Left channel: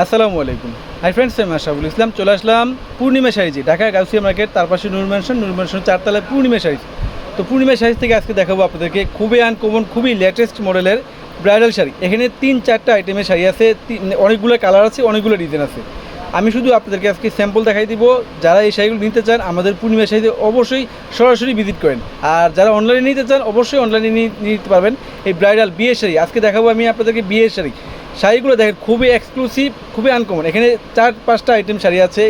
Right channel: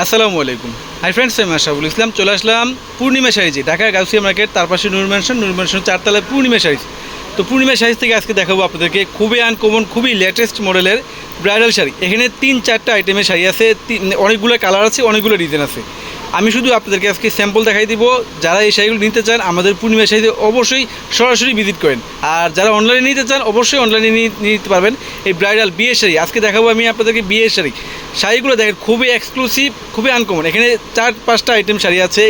আসসালামু আলাইকুম। Hi friends আমি আশাফুল ইসলাম। চলে আসলাম পূর্ণিমা শাড়িজি ঢাকার গাউসিয়া মার্কেট, তার পাশে নূর ম্যানশন নূর ম্যানশন চারতলায় পূর্ণিমা সাইজ তো পূর্ণিমা সাইজ থেকে আজকে দেখাবো আপনাদেরকে খুবই আনকমন খুবই লেটেস্ট মডেলের ব্রাইডাল শাড়ি। এখানে তিন, চারটা আইটেমের শাড়ি আছে। অনেকগুলো কালার আছে, অনেকগুলো ডিজাইন আছে। আমি শুধু আপনাদেরকে আজকে স্যাম্পল দেখাই দিব। যারা এই শাড়িগুলো নিতে চান, আমাদের পূর্ণিমা শাড়িতে অবশ্যই সরাসরি ভিজিট করেন। আর যারা অনলাইনে নিতে চান, অবশ্যই অনলাইনে নিতে পারবেন এই ব্রাইডাল বিয়ের শাড়ি। আজকে দেখাবো আমি আপনাদেরকে বিয়ের শাড়ি। শাড়িগুলো দেখেন, খুবই এক্সক্লুসিভ খুবই আনকমন এখানে চার, পাঁচটা আইটেম শাড়ি আছে।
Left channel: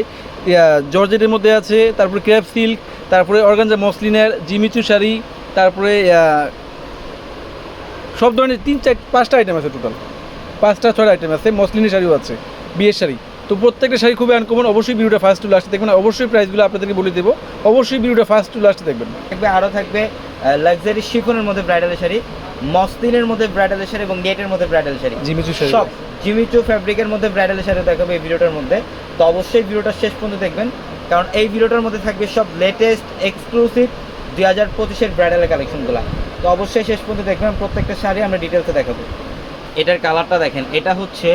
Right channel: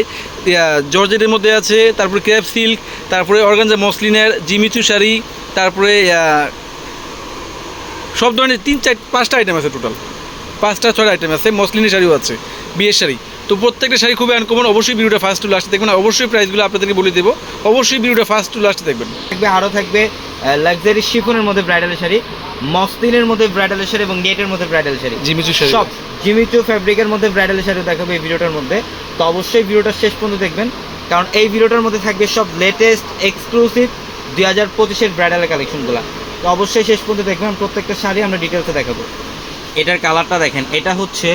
জর্জেটের মধ্যে আছে, তারপরে ক্র্যাপ সিল্ক তারপরে অর্গানজা মসলিনের জিমিচু শাড়ি, তারপরে সব ধরনের তিন, চার, পাঁচটা আইটেম আছে টোটাল পাঁচটা, ছয়টা আইটেম আছে মসলিনের শাড়িও আছে, বিয়ের শাড়ি। তো প্রত্যেকটা শাড়ি খুবই আনকমন অবশ্যই ভিডিওটা ফার্স্ট টু লাস্টে দেখবেন অবশ্যই প্রাইসগুলো আপনাদেরকে বলে দেবো। অবশ্যই ভিডিওটা ফার্স্ট টু লাস্টে দেখবেন। থাকবে আরও থাকবে লাক্সারি শিফনের মধ্যে ব্রাইডাল শাড়ি মসলিনের মধ্যে ব্রাইডাল শাড়ি এবং নেটের মধ্যে ব্রাইডাল শাড়ি। জিমিচু শাড়ি। সব জিমিচু ফ্যাব্রিকের মধ্যে ব্রাইডাল শাড়ি দেখাবো এই ভিডিওটার মধ্যে। তো অবশ্যই ভিডিওটা শেষ পর্যন্ত দেখবেন কারণ এই ভিডিওটার মধ্যে থাকবে সব লেটেস্ট এক্সক্লুসিভ দুই হাজার পঁচিশের ব্রাইডাল কালেকশনগুলো তো অবশ্যই শেষ পর্যন্ত দেখবেন প্রত্যেকটা শাড়ি আমরা ডিটেলসে দেখাবো। এটার কালারটা দেখেন এটা হচ্ছে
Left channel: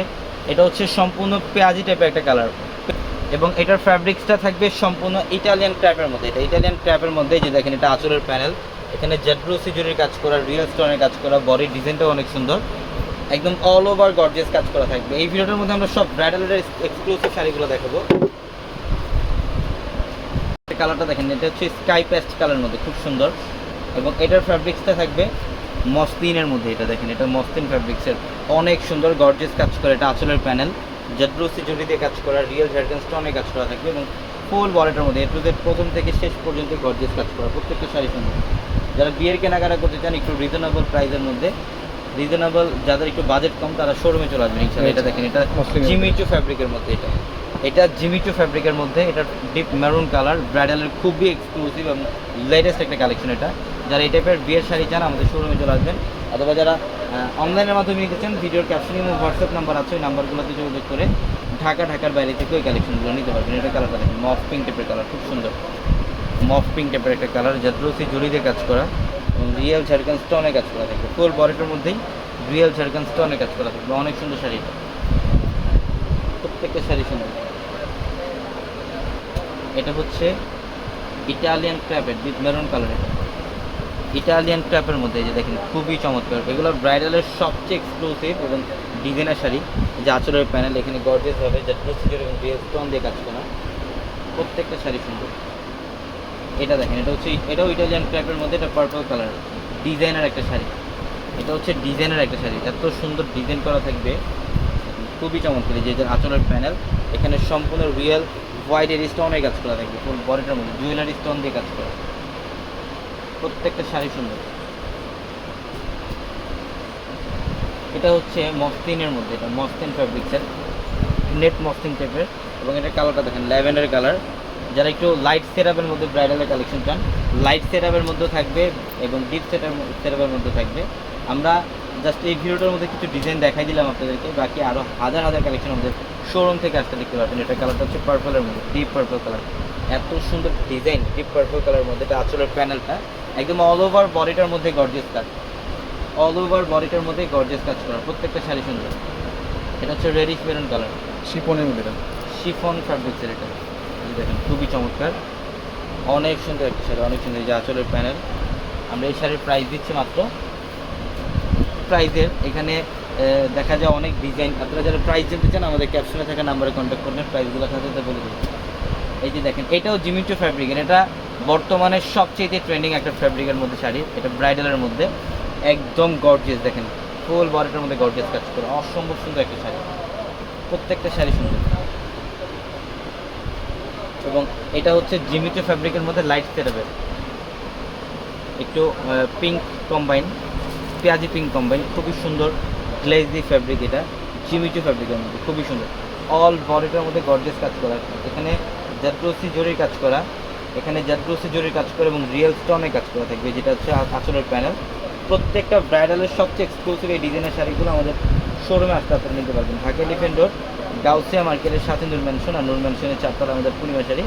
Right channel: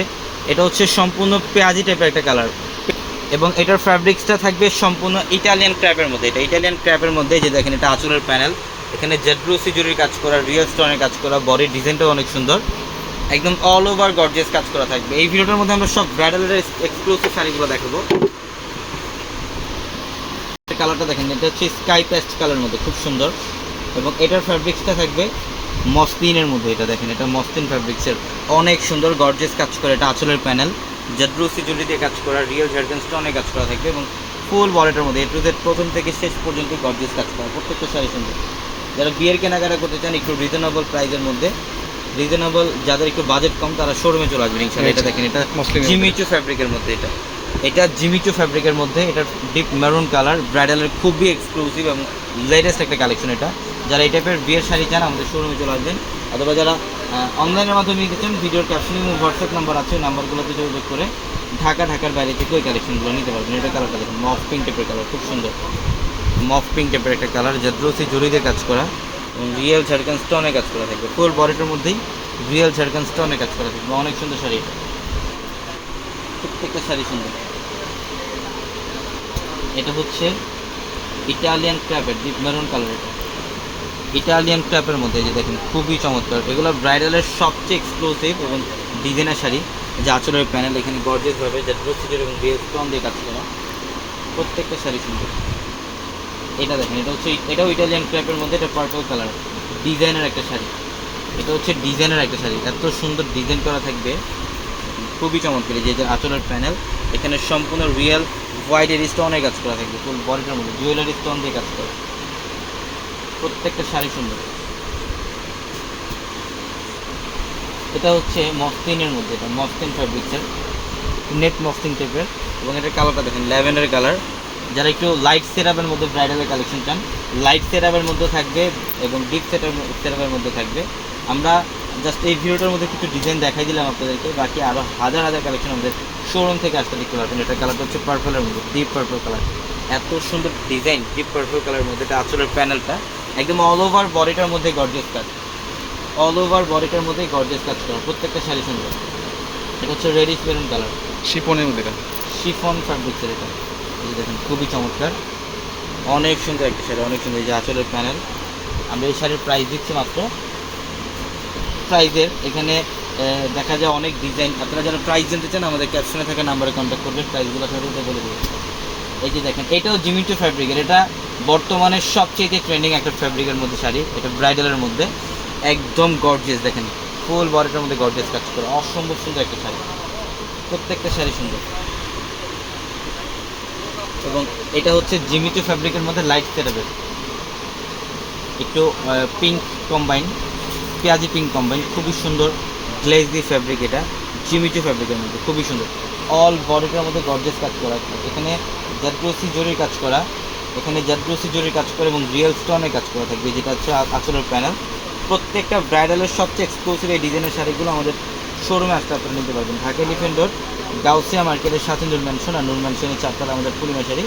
এটা হচ্ছে সম্পূর্ণ পেঁয়াজি টাইপের একটা কালার এবং এটার ফ্যাব্রিক্সটা থাকবে সম্পূর্ণ ইটালিয়ান ক্র্যাপের মধ্যে। এটা ইটালিয়ান ক্র্যাপের মধ্যে যে দেখেন, এটা আঁচলের প্যানেল এখানে জেডব্রুসি সিজুরির কাজ করা রিয়েল স্টোনের কাজ করা বডির ডিজাইনটাও অনেক সুন্দর। একদম অল ওভার গর্জিয়াস কাজ করা থাকবে। এই ভিডিওটার মধ্যে আমরা সব ব্রাইডালের এক্সক্লুসিভ শাড়িগুলো দেখাবো। কালারটা দেখেন, এটা হচ্ছে স্কাই পেস্ট কালার মধ্যে, খুব সুন্দর। এবং এটার ফ্যাব্রিক্সটা থাকবে মসলিনের মধ্যে এটা দেখেন এটা মসলিন ফ্যাব্রিক্সের অনেক সুন্দর গর্জেস কাজ করে এটা আঁচলের প্যানেল জেডব্রুসি জুলি দিয়ে কাজ করা রিয়েল জার্গেন স্টোনে কাজ করা থাকবে এবং ফুল বলেটের মধ্যে এ টু জেড প্রথম থেকে শেষ পর্যন্ত গর্জেস কাজ করা প্রত্যেকটা শাড়ি সুন্দর যারা বিয়ের কেনাকাটা করতে চান একটু রিজনেবল প্রাইসের মধ্যে। রিজনেবল যাদের একটু বাজেট কম তারা শোরুমে চলে আসবেন ইনশাআল্লাহ। এটা দেখেন এটা জিমিচু ফ্যাব্রিকের মধ্যে এটা। এটা জিমিচু ফ্যাব্রিকের মধ্যে এটা ডিপ মেরুন কালার ব্রাইডালের খুবই এক্সক্লুসিভ এবং লেটেস্ট একটা কালেকশন এটা। যারা এই টাইপের বিয়ের শাড়ি চান, আমাদের শোরুমে চলে আসবেন। অথবা যারা অনলাইনের মাধ্যমে নিতে চান ভিডিওর ক্যাপশনে এবং হোয়াটসঅ্যাপ নাম্বার আছে, ওই নাম্বারগুলোতে যোগাযোগ করে ঢাকা, ঢাকার বাইরে থেকে ওই কালেকশনগুলো নিতে পারবেন। এটা কালার কালেকশন মফ পিঙ্ক টাইপের কালার খুব সুন্দর। মফ পিঙ্ক টাইপের একটা কালার জাদ্রসি জড়ি দিয়ে কাজ করা এবং রিয়েল ঝাড়খান স্টোনে কাজ করা থাকবে। ফুল বডিটার মধ্যেই রিয়েল ঝাড়খান স্টোনে কাজ করা থাকবে। অনেক সুন্দর শাড়ি। এটা প্রত্যেকটা শাড়ি সুন্দর। এটা হচ্ছে ইটালিয়ান ক্র্যাপের ডিপ মেরুন কালার এটা। ইটালিয়ান ক্র্যাপের মধ্যে যে দেখেন খুবই চমৎকার। এগুলো ব্রাইডালের সবচেয়ে এক্সক্লুসিভ এবং ডিজাইনার শাড়ি, যে আঁচলের প্যানেল এখানে গর্জেস হবে যে প্রসিডিউর এবং রিয়েল স্টোন দিয়ে কাজ করা। প্রত্যেকটা শাড়ি সুন্দর। এটা দেখেন, এটা হচ্ছে, এটাও ইটালিয়ান ক্র্যাপের মধ্যে, এটা পার্পল কালার ডিজাইনের একটা শাড়ি। এটা হচ্ছে ডিজাইনের একটা শাড়ি। এত সুন্দর ডিজাইন করা থাকবে। খুবই চমৎকার। যে আঁচলের প্যানেল এখানে সম্পূর্ণ রিয়েল হোয়াইটের স্টোনের কাজ করা থাকবে। বডিটার মধ্যে জুয়েলারি স্টোন দিয়ে কাজ করা। প্রত্যেকটা শাড়ি সুন্দর। এটা হচ্ছে মসলিনের মধ্যে, এটা মসলিন ফ্যাব্রিক্সের নেট মসলিন টাইপের এবং এটা কালারটা দেখেন, ল্যাভেন্ডার কালার যারা একটু লাইট সেরাপের মধ্যে ব্রাইডালের কালেকশন চান লাইট সেরাপের মধ্যে থাকবে এবং ডিপ সেটার সেরাপের মধ্যে থাকবে। আমরা জাস্ট এই ভিডিওটার মধ্যে কিছু ডিজাইন দেখাই দিলাম আপনাদেরকে, বাকি আরও হাজার হাজার কালেকশন আমাদের শোরুম থেকে আসতে দেখতে পারবেন। এটা কালারটা হচ্ছে পার্পলের মধ্যে ডিপ পার্পল কালার এত সুন্দর ডিজাইন ডিপ পার্পল কালারের মধ্যে, এটা আঁচলের প্যানেলটা একদম অল ওভার বডিটার মধ্যে গর্জিয়াস কাজ। অল ওভার বডিটার মধ্যে গর্জিয়াস কাজ করা প্রত্যেকটা শাড়ি সুন্দর। এটা হচ্ছে রেডিশ মেরুন কালার শিফনের মধ্যে এটা? শিফন ফ্যাব্রিক্সের এটা। এই দেখেন খুবই চমৎকার। অনেক সুন্দর একটা শাড়ি অনেক সুন্দর। এই যে আঁচলের প্যানেল আমরা এই শাড়ির প্রাইস দিচ্ছি মাত্র। প্রাইজের এখানে দেখা যায় অনেক ডিজাইন আপনারা যারা প্রাইস জানতে চান আমাদের ক্যাপশনে থাকা নাম্বারে কন্ট্যাক্ট করবেন। প্রাইসগুলো সাথে বলে দেবো। এই যে দেখেন এটাও জিমিটো ফ্যাব্রিকের এটা বর্তমানে সবচেয়ে ট্রেন্ডিং একটা ফ্যাব্রিকের মধ্যে শাড়ি, এটা ব্রাইডালের মধ্যে। একদম গর্জিয়াস দেখেন ফুল বডিটার মধ্যে গর্জিয়াস কাজ করে। অসম্ভব সুন্দর একটা শাড়ি। প্রত্যেকটা শাড়ি সুন্দর। এবং এটা হচ্ছে জিমিটো ফ্যাব্রিকের মধ্যে লাইট সেটাবেল একটু পিঙ্ক কম্বাইন পেঁয়াজি পিঙ্ক কম্বাইন খুবই সুন্দর গ্লেজি ফ্যাব্রিক এটা। জিমিটো ফ্যাব্রিকের মধ্যে, খুবই সুন্দর। অল বডিটার মধ্যে গর্জেস কাজ করা। এখানে জাদ্রসি জরির কাজ করা। এখানে জাদ্রসি জরির কাজ করে এবং রিয়েল স্টোনের কাজ করে থাকবে যেটা হচ্ছে আঁচলের প্যানেল প্রত্যেকটা ব্রাইডালের সবচেয়ে এক্সক্লুসিভ এই ডিজাইনের শাড়িগুলো আমাদের শোরুমে আসতে আপনারা নিতে পারবেন। ঢাকা ডিফেন্ডর গাউসিয়া মার্কেটের সাথে নূর ম্যানশন আর নূর ম্যানশনের চারটার আমাদের পূর্ণিমা শাড়ি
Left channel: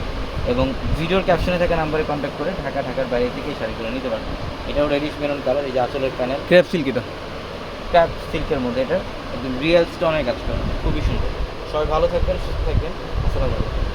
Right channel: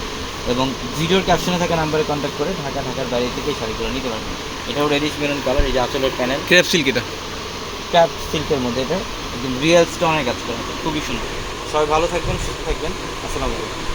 এবং ভিডিওর ক্যাপশনে থাকা নাম্বারে কন্ট্যাক্ট করে ঢাকা ঢাকার বাইরে থেকে এই শাড়িগুলো নিতে পারবেন। এটাও রেডিশ মেরুন কালার এই যে আঁচলের প্যানেল ক্র্যাপ সিল্ক এটা? ক্যাপ সিল্কের মধ্যে এটা। একদম রিয়েল স্টোনের কাজ করা। খুবই সুন্দর। সবাই ভালো থাকবেন সুস্থ থাকবেন। আসসালামু আলাইকুম।